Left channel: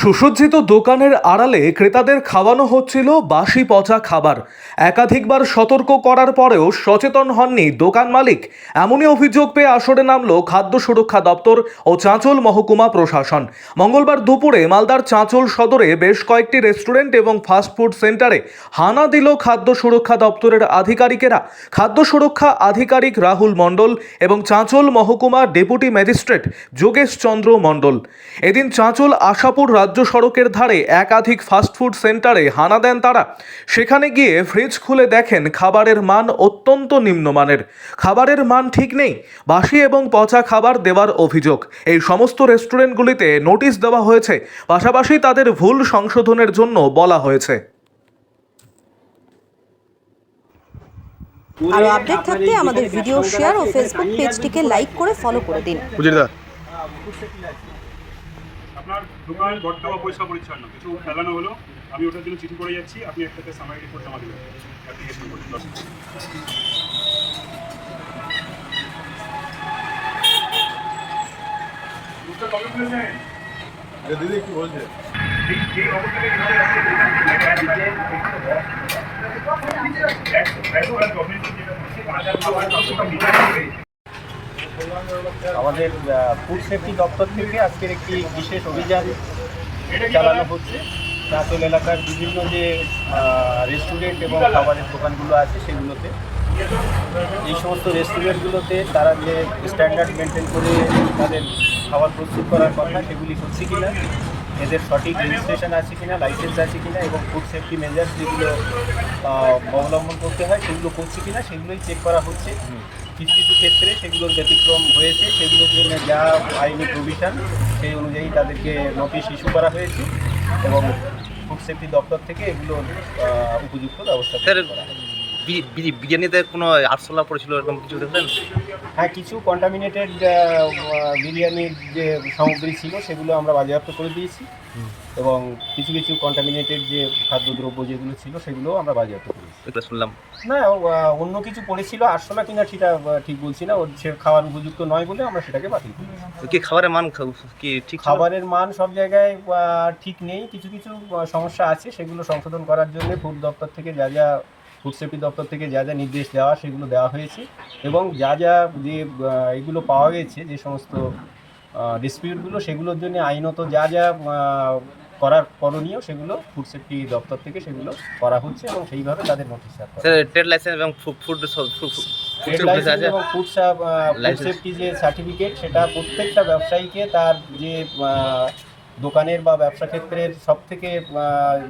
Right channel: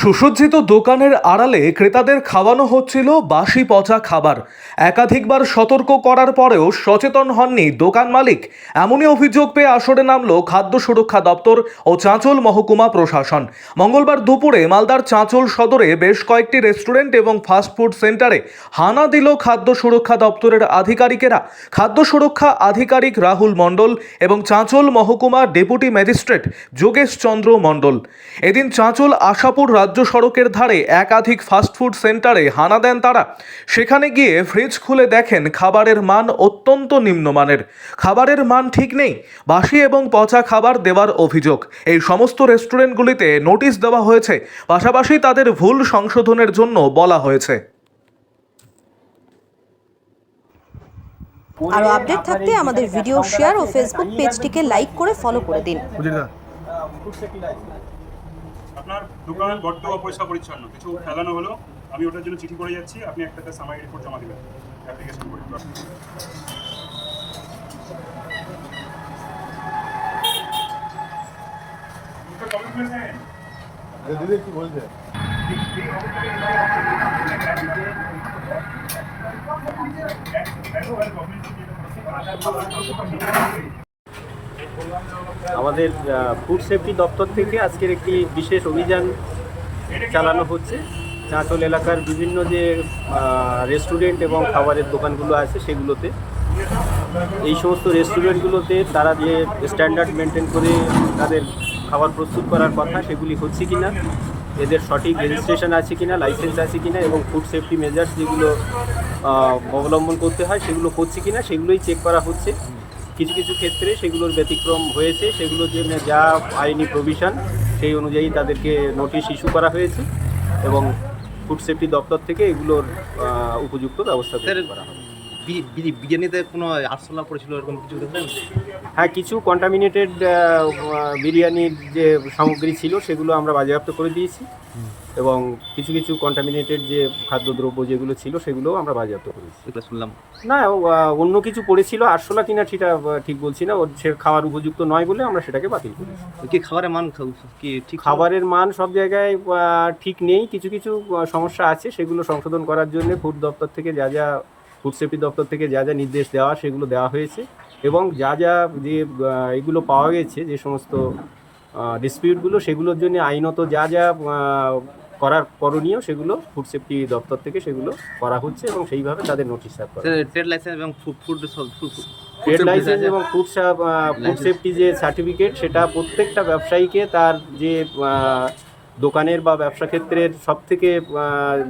সুসজ্জিত দোকানের আড়ালে ক্রেতাদের খাওয়ানো হচ্ছিল বাসি পচা খাবার। একাধিকবার সতর্ক করার পরেও সচেতন হননি দোকান মালিক। এমনই অভিযোগ পেয়ে আসরে নামলো খাদ্য সুরক্ষা দপ্তর ও চাঁচল মহকুমা প্রশাসন। মঙ্গলবার দুপুরে মালদার চাঁচল সদরে বেশ কয়েকটি রেস্টুরেন্ট এবং ফাস্টফুড সেন্টারে হানা দিল খাদ্য সুরক্ষা দপ্তরের আধিকারিকেরা। খাদ্য সুরক্ষা আধিকারিক রাহুল মণ্ডল এবং চাঁচল মহকুমা ডেপুটি ম্যাজিস্ট্রেট যোগেশ চন্দ্র মণ্ডল এদিন চাঁচল আশাপুর রাজ্য সড়কের ধারে একাধিক ফাস্টফুড সেন্টারে হানা দেন তারা। সেখানে গিয়ে ফ্রিজ খুলে দেখেন খাবারের মান অত্যন্ত নিম্নমানের। খাবারের মান ঠিক নেই, বাসি এবং পচা খাবার দেওয়ার অভিযোগ। এই সমস্ত রেস্টুরেন্টগুলিতে নোটিশ দেওয়া হয়েছে, পাশাপাশি তাদের ভুল সংশোধনের জন্য বলা হয়েছে। আরো আপডেট থাকতে আমাদের ভিডিও শেয়ার ও ফেসবুক পেজটিকে লাইক করে ফলো করে দিন। আপনার দোকান বড্ড অপরিষ্কার পরিচ্ছন্ন, কিছু ফেলানো হলো, আমি ওটার জন্য চিঠি করে যাচ্ছি, আপনি একটা সামারি রিপোর্ট জমা দেবেন অ্যাপ্লিকেশন করে। দিদি কি বলছে? আমাদের ফুড সেফটি দপ্তর থেকে আজকের একটি বিশেষ অভিযান চালানো হচ্ছে। চাঁচল এলাকার বিভিন্ন যে রেস্টুরেন্ট এবং খাবারের দোকানগুলো আছে সেগুলোতে, এই সমস্ত রেস্টুরেন্টগুলোতে তারা যে স্ট্যান্ডার্ড মেনটেন করে তাদের খাবার প্রস্তুত করার কথা সেগুলি হচ্ছে কি না, এদের সঠিক রেজিস্ট্রেশন আছে কি না, লাইসেন্স আছে কি না, এবং ফুড সেফটি মেজার্স যেগুলো অবলম্বন করতে হয় সেগুলো করছে কি না সেগুলোই চেক করা হচ্ছে। কিছু কিছু ক্ষেত্রে সেগুলোর ব্যতিক্রম হয়েছে, সেগুলোর জন্য যা আইনি প্রভিশন সেই অনুযায়ী তাদেরকে নোটিশ ইস্যু করা হয়েছে এবং ফুড সেফটি দপ্তর থেকে এগুলোর উপযুক্ত ব্যবস্থা করা হবে। বিরিয়ানিতে কোনো আরশোলা পড়েছিল এরকম কিছু দেখলেন? হ্যাঁ, কিছু কন্টামিনেটেড বিরিয়ানির যে সামগ্রী ছিল সেগুলো আমরা বাজেয়াপ্ত করে দিয়েছি এবং কিছু কিছু কন্টামিনেটেড যে খাদ্যদ্রব্য যেগুলো ছিল সেগুলোও আমরা বাজেয়াপ্ত করেছি। এটা শুনলাম না, অন্য কিছু পড়েছিল, আরশোলা কিনা সেটা ঠিক বলছি না, ওর সে খাওয়ার উপযুক্ত নয় বলে আমরা সেটাকে বাতিল করি। কি খাবারের মান কি ঠিক? খাবারের মান সব জায়গায় ঠিক নেই, কিছু কিছু সমস্যা আছে, সেগুলো সংশোধন করার জন্য ফুড দপ্তর থেকে যা ফুড সেফটি দপ্তর থেকে যা নির্দেশ দেওয়া সেগুলো দেওয়া হয়েছে এবং যা যে এগুলো পাওয়া গেছে যে সমস্ত ডিসপিউটগুলো সেগুলোর জন্য আইনত যা করার করণীয় সেগুলো ফুড সেফটি দপ্তর থেকে সেগুলো করা হচ্ছে এবং সেইভাবে তাদের নোটিশ সার্ভ করা। ট্রেড লাইসেন্স এবং ট্রেড লাইসেন্স এবং ফুড সেফটি যে সার্টিফিকেট সেটা প্রত্যেকটা ব্যবসায়ীকে তার যে দোকানের বা ব্যবসা ক্ষেত্রের সবথেকে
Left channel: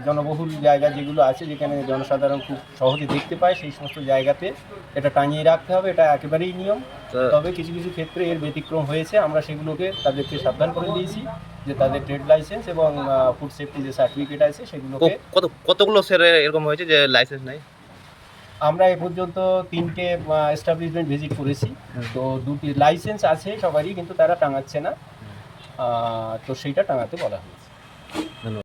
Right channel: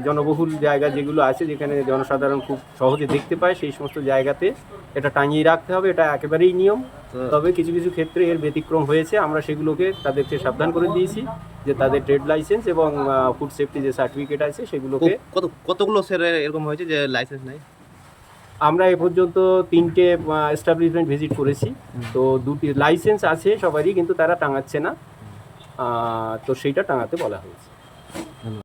জনবহুল জায়গা যেগুলো আছে, যেখানে জনসাধারণ খুব সহজে দেখতে পায়, সেই সমস্ত জায়গাতে এটা টাঙিয়ে রাখতে হবে। এটা একেবারেই নিয়ম। তবে কিছু কিছু ক্ষেত্রে এর ব্যতিক্রম হয়েছে, আমরা সেগুলোকে তাদেরকে সাবধান করে দিয়েছি যে তাদের ট্রেড লাইসেন্স এবং ফুড সেফটি যে সার্টিফিকেট আছে সেগুলোকে। কতগুলো স্যার এরকম হয়েছে যে লাইসেন্স নেই? আমরা এ পর্যন্ত 3টে এস্টাবলিশমেন্ট ভিজিট করেছি, তো 2টি লাইসেন্স আছে সবারই, কিন্তু তারা টাঙাচ্ছে না, তো সেইটা টাঙাতে বলা হয়েছে। ধন্যবাদ।